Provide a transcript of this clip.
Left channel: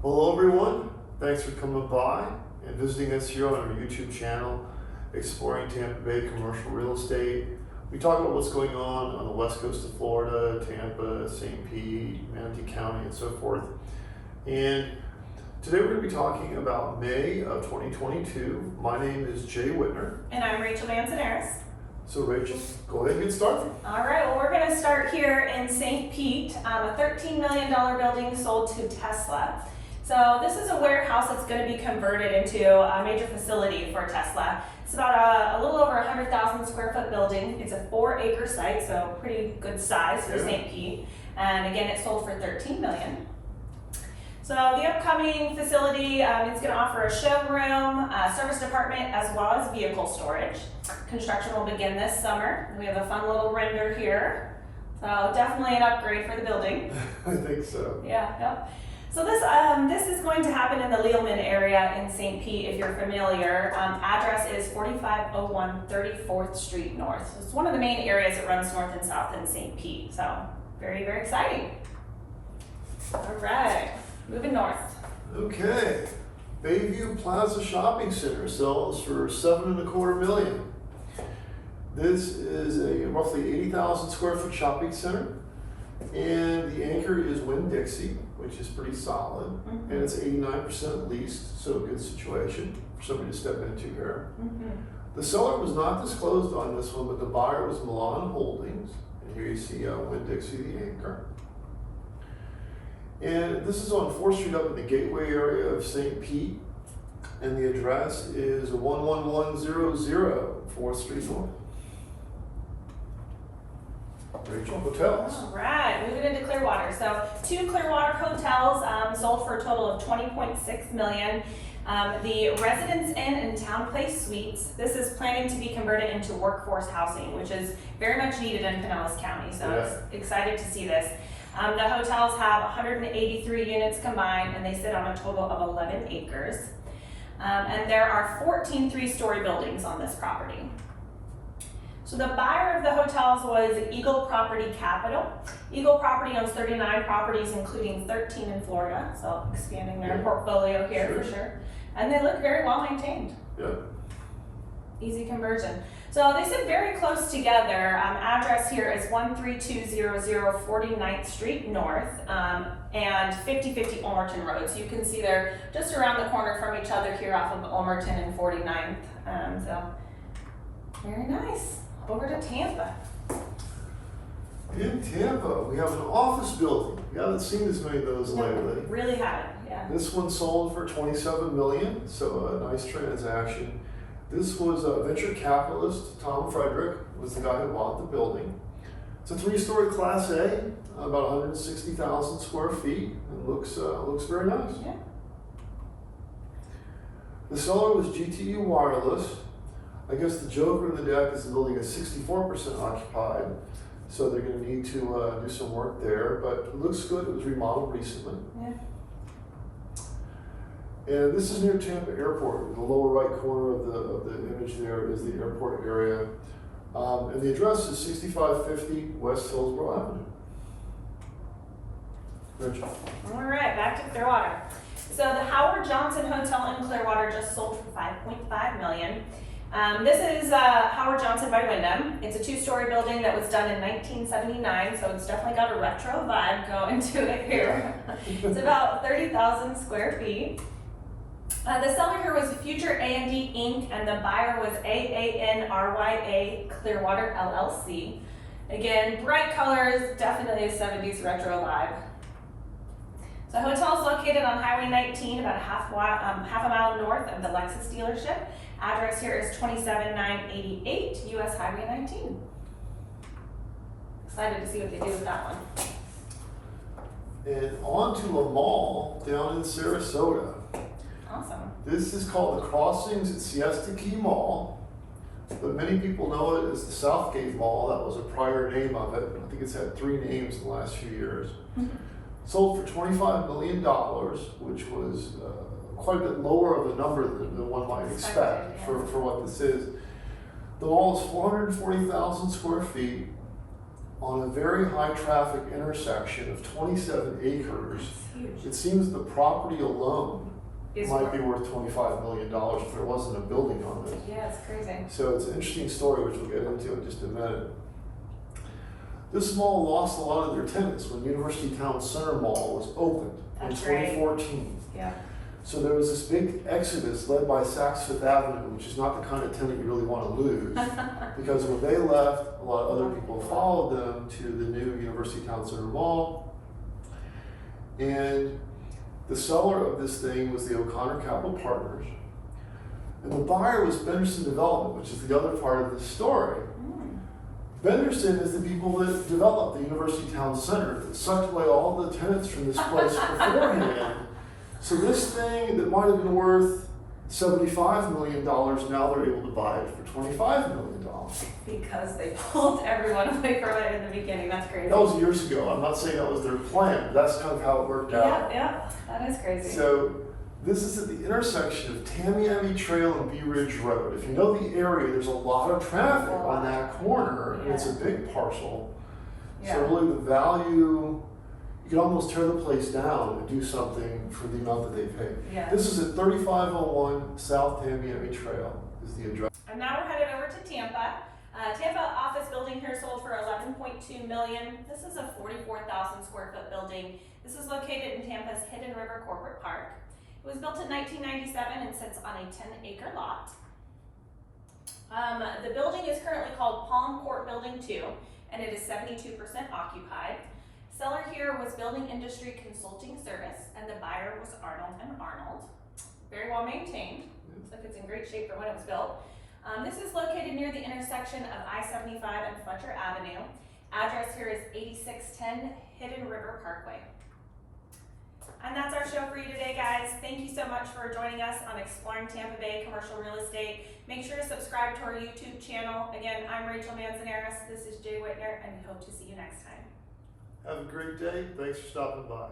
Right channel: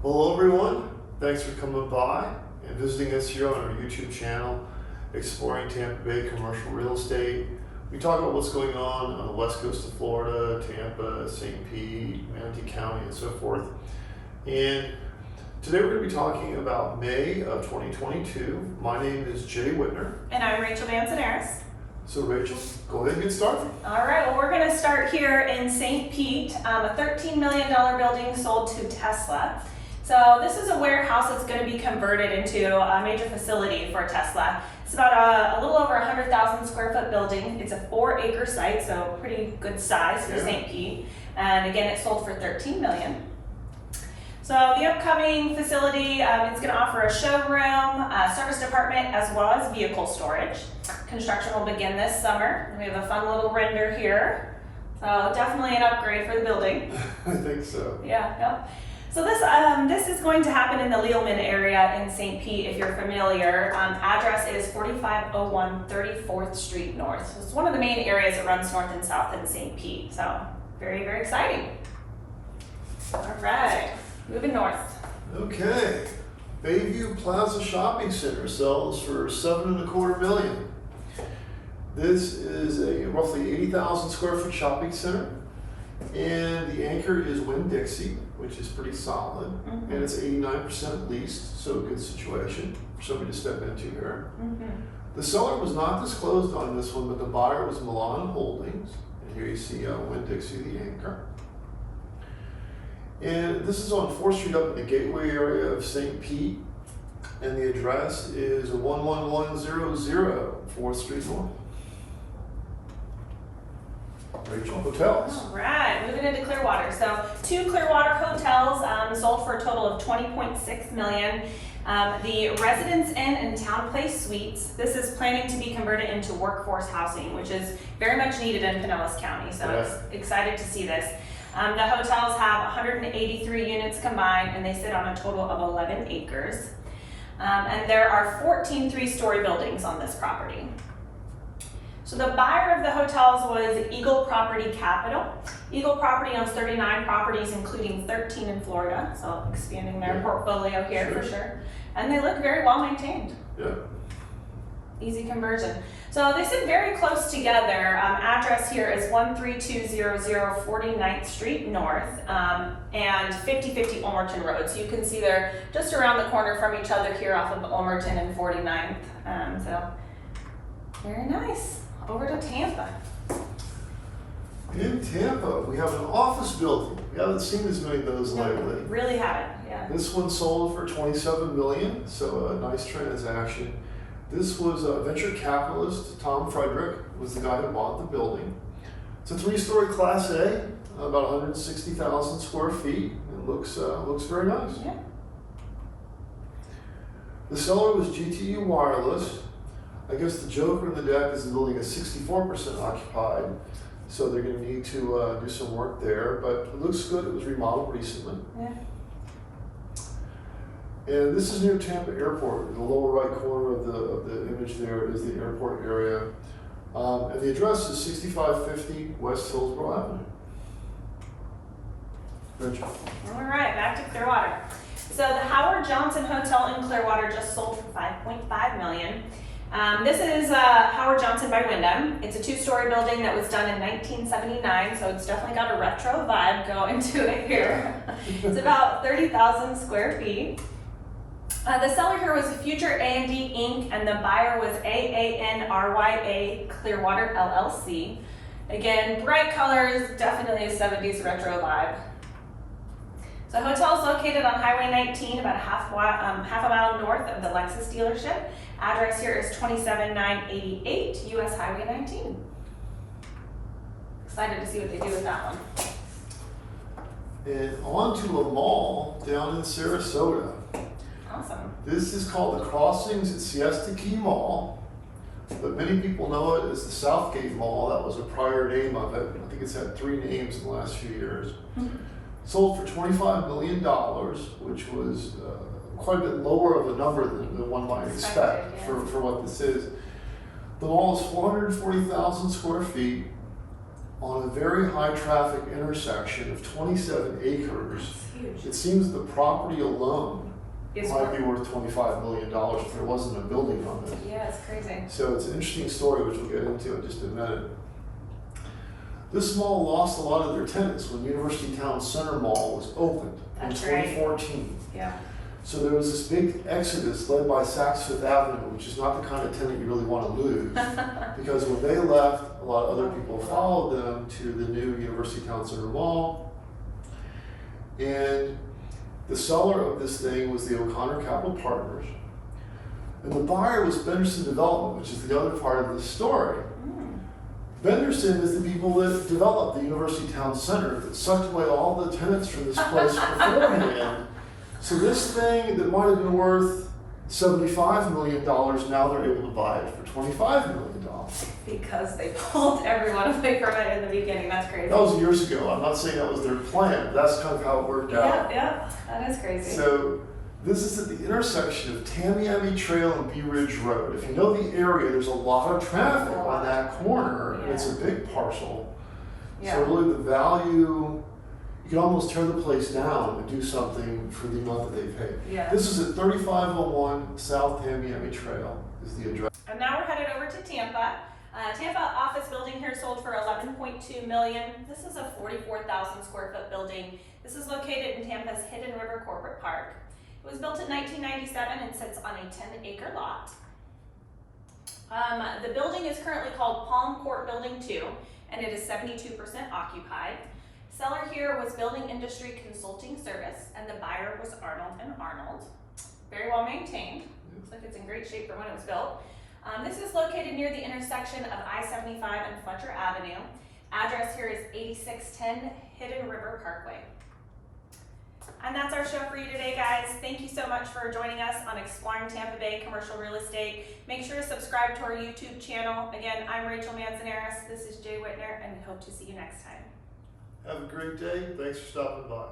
Hello everyone, thanks for coming by and visiting us here on our YouTube channel, Exploring Tampa Bay Commercial Real Estate. We talk about what's going on the west coast of Florida, Tampa, St. Pete, Manatee County, and so forth. And today we're going to be talking about May of 2022. My name is Jay Wittner. And I'm Rachael Manzanares. So Rachel, go ahead and get started. All right, well, we're going to start here in St. Pete. A $13 million building sold to Tesla. So this is a warehouse that's going to be converted into a major facility for Tesla. It's about a little over 100,000 square foot building. It's a 4-acre site, so pretty good size for St. Pete. And again, it sold for $13 million. So the upcoming facility, it's going to offer a showroom, a service department, as well as vehicle storage. Construction will begin this summer. We have a fun little render here. So definitely an upgrade for the building. I think so. Yeah. So this is going to happen in the Lealman area in St. Pete, if you're familiar. Address is 4501 34th Street North. So it's one of the main areas that runs north and south in St. Pete. So very, very exciting. All right, moving north. Okay, Bayview Plaza Shopping Center sells for $7.25 million. This is a roughly 80,000 square foot shopping center, and the anchor is Winn-Dixie, which is pretty solid, and it's 89% leased, so a good situation for somebody to step into here. The seller was not disclosed on this one, but the buyer was Milan Holdings, and here you see Winn-Dixie, the anchor. And this is on 4th Street up in the gateway area of St. Pete, and the address is 11100 4th Street North. Rachael, hotels. All right, moving into Clearwater. So 2 Clearwater hotels sold for a total of $20.6 million. The Residence Inn and Town Place Suites. This is planning to be converted into workforce housing, which is very much needed in Pinellas County. So it's excited to see this. The hotels have 183 units combined, and they sit on a total of 11 acres. And there are 14 3-story buildings on this property. So the buyer of the hotels was Eagle Property Capital. Eagle Property owns 39 properties, including 13 in Florida, so expanding their portfolio here for sure. And they look very well maintained. Yeah. Easy conversion. So they sit very close together. Address here is 13200 49th Street North and 5050 Ulmerton Road. So you can see they're just around the corner from each other here off of Ulmerton and 49th. So very nice. Over to Tampa. In Tampa, we have an office building. We haven't seen as many of those lately. Really haven't, yeah. This one sold for $27 million, so a nice transaction. This was a venture capitalist, Tom Frederick, was the guy who bought the building. It's a 3-story Class A, about 160,000 square feet, and looks very nice. Yeah. The seller was GTE Wireless. I guess the joker in the deck is the building is 64% occupied, so they're going to need to do some work there, but it looks good. It was remodeled recently. Yeah. And this is near Tampa Airport. The lower right corner of the image there is the airport area. And the address is 6550 West Hillsborough Avenue. Rachel. All right, back to Clearwater. So the Howard Johnson Hotel in Clearwater just sold for $5.5 million. This is Howard Johnson by Wyndham. It's a 2-story building that was done in 1979, so it's definitely got a retro vibe going to it here. It's about 30,000 square feet. The seller here was Future A&D Inc., and the buyer was AANRYA Clearwater LLC. Again, bright colors, definitely a 70s retro vibe. So hotel is located on Highway 19, about half a mile north of the Lexus dealership. Address here is 27988 US Highway 19. Excited to see what they do with that one. And on to the mall down in Sarasota. Awesome. This is called the Crossings at Siesta Key Mall, but many people know it as the Southgate Mall. That was a prior name of it. I think it's had 3 names in the last few years. Sold for $25 million, which was quite a bit lower of a number than one might expect for what this is. The mall is 440,000 square feet. on a very high traffic intersection of 27 acres. It's huge. It seems the property alone It's might be worth $25 million if there wasn't a building on it. Yeah, it's crazy. So it's an interesting story, which we'll get into in just a minute. This mall lost a lot of their tenants when University Town Center Mall was opened in That's right. 2014. Yeah. So there was this big exodus led by Saks Fifth Avenue, which is not the kind of tenant you really want to lose. Because when they left, a lot of other people followed them to the new University Town Center Mall. And the seller of this thing was the O'Connor Capital Partners. And the buyer was Benderson Development, which is the other part of this story. Benderson is the people that developed the University Town Center, that sucked away all the tenants from this place beforehand. So this thing that might have been worth $75 million, now they're able to buy it for $25 million. Because they pulled everyone away from it in the beginning. That's crazy. That was years ago. I'm not saying that was their plan, but that's kind of how it worked out. Yeah, that is crazy. So this is at the intersection of Tamiami Trail and Bee Ridge Road. If you know the area, there's a lot of traffic on that corner, and it's a big parcel. So really the value, you can almost tear the place down and do something for the amount that they paid. Yeah. This is at 3501 South Tamiami Trail is the address. And now we're headed over to Tampa. Tampa office building here sold for $11.2 million. This is a 44,000 square foot building. This is located in Tampa's Hidden River Corporate Park. It was built in 1997 and sits on a 10-acre lot. The building is currently called Palm Court Building 2, and it is 72% occupied. Seller here was Building Industry Consulting Service, and the buyer was Arnold & Arnold. Very well maintained. Looks like it's in great shape for when it was built. This is located near the intersection of I-75 and Fletcher Avenue. Address here is 8610 Hidden River Parkway. And that's our show for you today, guys. Thank you so much for joining us on Exploring Tampa Bay Commercial Real Estate. Make sure to subscribe to our YouTube channel. Again, I'm Rachael Manzanares. This is Jay Wittner, and we hope to see you next time. Have a great day. Thanks for stopping by.